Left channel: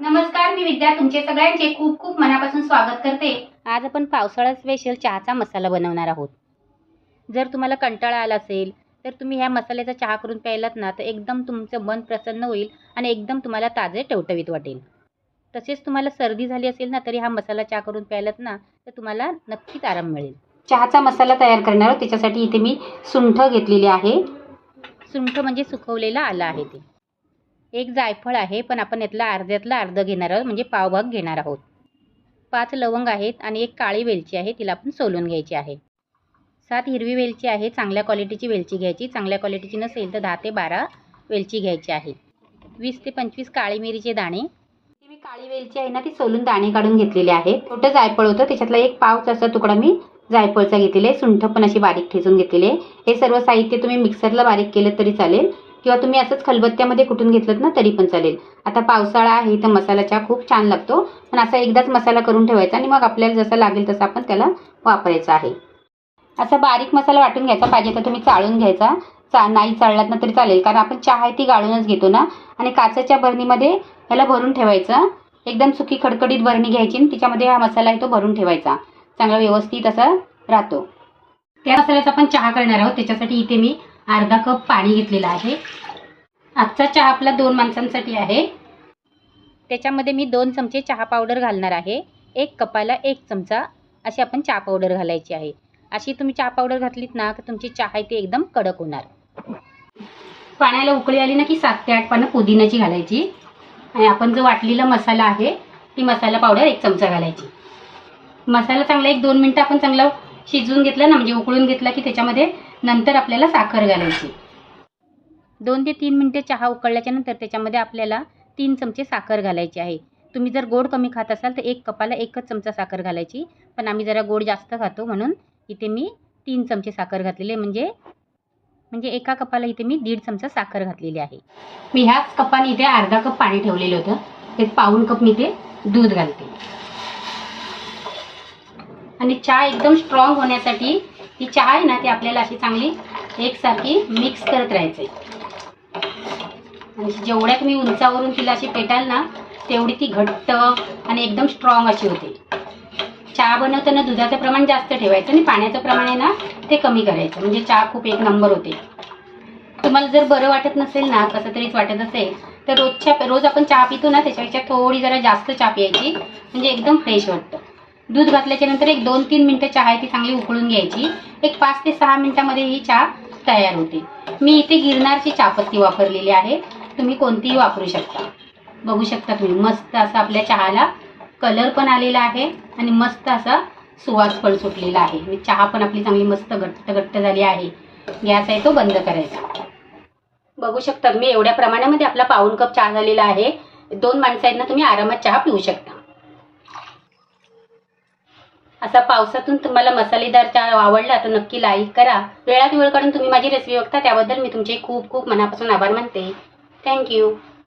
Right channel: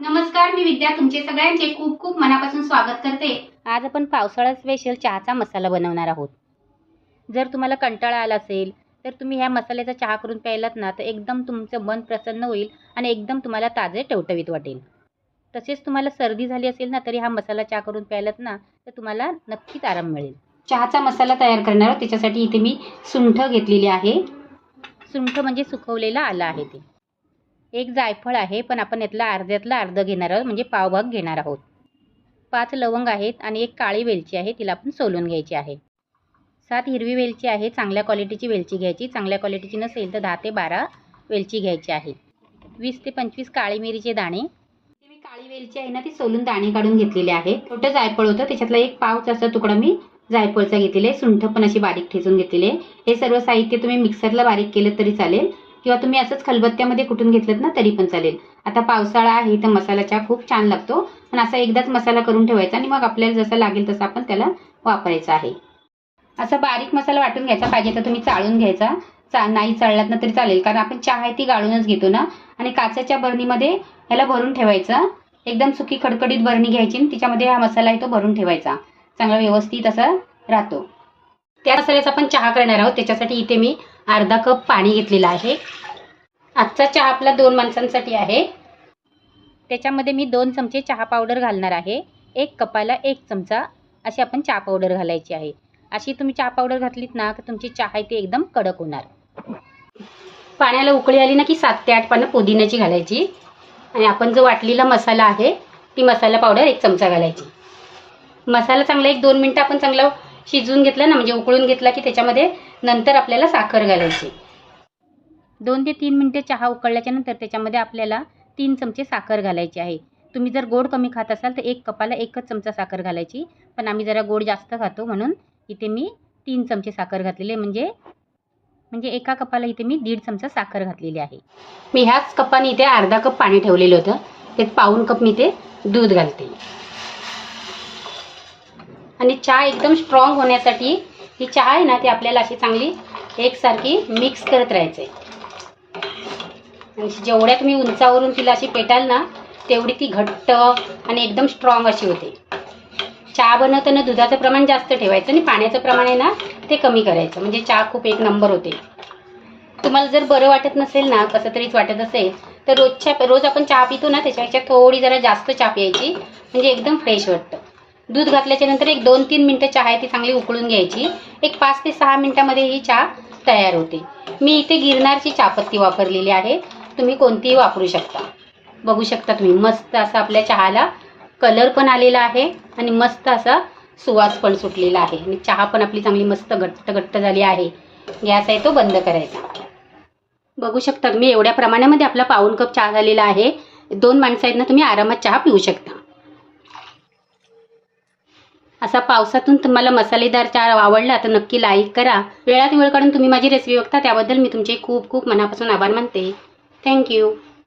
नमस्कार मी विद्या. तुमचे सगळ्यांचे खूप खूप मनापासून स्वागत करते. आज आपण पावसाळा स्पेशल चहाचा मसाला बनवणार आहोत. जर तुम्हाला कंटाळा आला असेल तर तुम्ही ह्या मसाल्याचा चहा करून प्यायलात ना तर एकदम तुमचं मन प्रसन्न होईल आणि एकदम तुम्हाला ताजे टवटवीत वाटेल. तसेच तुम्हाला सर्दी झाली असेल ना तरी हा मसाला चहा करून प्यायलात ना तर तुम्हाला नक्कीच आराम मिळेल. चहाचा मसाला तयार करणार त्याच्यासाठी इथे मी सुंठ घेतलेली आहे. सुंठ म्हणजे सुकवलेला आलं आहे ते. एक जायफळ आहे पण आपण यातला अर्ध्यातला अर्ध घेणार आहोत म्हणजे पावभाग घेणार आहोत. पाच लवंग आहेत आणि एक काळी वेलची आहे तिला आपण सोलून घ्यायची आहे. सात हिरवी वेलची आहे चांगल्या क्वालिटीची वेलची घ्यायची. चांगल्या क्वालिटीची नसेल तर दहा ते बारा वेलची घ्यायची आहे. वीस ते पंचवीस काळी मिरीचे दाणे. मी काळी वेलची आहे ना ती सोलून दाणे काढून घेतलेले आहेत छोटं जायफळ होतं त्याच्यातला एक पावचा असा तुकडा मी जायफळचा घेतलेला आहे. सुंठ पण अशी बारीक ठेचून घेतलेली आहे. हे सर्व साहित्य तुम्ही मिक्सरला बारीक केलं तरी चालेल. किंवा तुम्ही असंच खलबत्त्यामध्ये कुठून घेतलं ना तरी पण चालेल. आता पावसाळा आहे तर मसाला चहा खूप छान लागतो. पण असा एकदाच मसाला करून ठेवायचा आणि मग आपल्याला जसा लागेल तसा आपण त्याला वापरायचा आहे. असा बारीक मसाला वाटून घ्यायचा पाहिजे तर तुम्ही चाळून घ्यायचा. चा नाही चाळलात ना तरी चालेल कारण आपण चहा आहे ती गाळूनच घेतो ना. आणि काचेच्या बरणीमध्ये ह्याला भरून ठेवायचं. एकदम सुकी खडखडीत बरणी घ्यायची आणि तिच्यामध्ये हा मसाला आहे तो भरून ठेवायचा. चांगला व्यवस्थित असा राहतो. त्या मसाल्याचा आपण चहा करणार आहोत त्याच्यासाठी इथे मी अर्धा कप पाणी घेतलेलं आहे. आजचा चहा आपला दोन माणसांसाठी आहे. त्याच्यामध्ये मी दोन चमचे चहा पावडर घालणार आहे. एक कपाला एक चमचा अशी आपण चहा पावडर घालायची आहे. अशी तुम्ही चहा पावडर घातलीत ना तर तुमची चहा आहे ती एकदम कडक होणार. पाण्याला उकळी आली ना की सात ते आठ पानं पुदिन्याची घालायची. आणि आपण जो वाटलेला मसाला आहे ती मसाला पावडर एक चमचा घालायची. मसाला चांगला एक दोन मिनटं आपण चांगलं शिजवून घेतलं ना म्हणजे उकळून घेतला की त्याच्यामध्ये नंतर आपल्याला साखर घालायची. दोन ते तीन मिनटे चहा उकळल्याच्या नंतर त्याच्यामध्ये आपल्याला तीन चमचे साखर घालायची आहे. तुम्ही जर गोड कमी खात असाल तर एक कपाला एकच चमचा साखर घालायची. पण आम्ही जरा गोड जास्त खातो म्हणून इथे मी तीन चमचे साखर घातलेले म्हणजे म्हणजे एका कपाला इथे मी दीड चमचा साखर घातलेली आहे. मी ह्याच कपाने इथे अर्धा कप पाणी ठेवलेलं होतं. त्यात पाऊण कप मी ते दूध घालते. आणि चहा एकदम स्ट्रॉंग होण्यासाठी ही चहा आहे ना ती आपल्याला अशी चांगली एकसारखी मिक्स करत राहायचं आणि जेवढ्या तुम्ही उंचावरून तिला अशी पेटाल ना तेवढी ती घट्ट आणि एकदम स्ट्रॉंग अशी होते. चहा बनवताना दुधाचं प्रमाण जास्त ठेवायचं आणि पाण्याचं प्रमाण आहे ना ते कमी करायचं. म्हणजे चहा खूप एक नंबर होते. तुम्हाला जर बरं वाटत नसेल ना कसं तरीच वाटत असेल तर रोजच्या रोज आपण चहा पितो ना त्याच्यापेक्षा थोडी जरा जास्त चहा प्यायची. म्हणजे एकदम फ्रेश वाटतं. दूध घातल्याच्या नंतर एक दोन तीन मिनटं चहा आहे ती चांगली उकळून घ्यायची. एक पाच ते सहा मिनटामध्ये ही चहा तयार होते. मी इथे गिरनारची चहापत्ती वापरलेली आहे. तुम्ही कोणतीही वापरू शकता. बघू शकता तुम्ही मस्त असा आपल्या चहाला कलर पण आलेला आहे आणि मस्त असा सुवास पण सुटलेला आहे. आणि चहा पण आपली चांगली मस्त घट्ट घट्ट झाली आहे. गॅस आहे तो बंद करायचा. बघू शकता मी एवढ्या प्रमाणामध्ये आपला पाऊन कप चहा झालेला आहे. दोन माणसं आहेत ना तुम्ही आरामात चहा पिऊ शकता. असा पावसातून तुम्हाला मसालेदार चहा आवडला तर नक्की लाईक करा. वेळात वेळ काढून तुम्ही माझी रेसिपी बघता त्याबद्दल मी तुमचे खूप खूप मनापासून आभार मानते. थँक्यू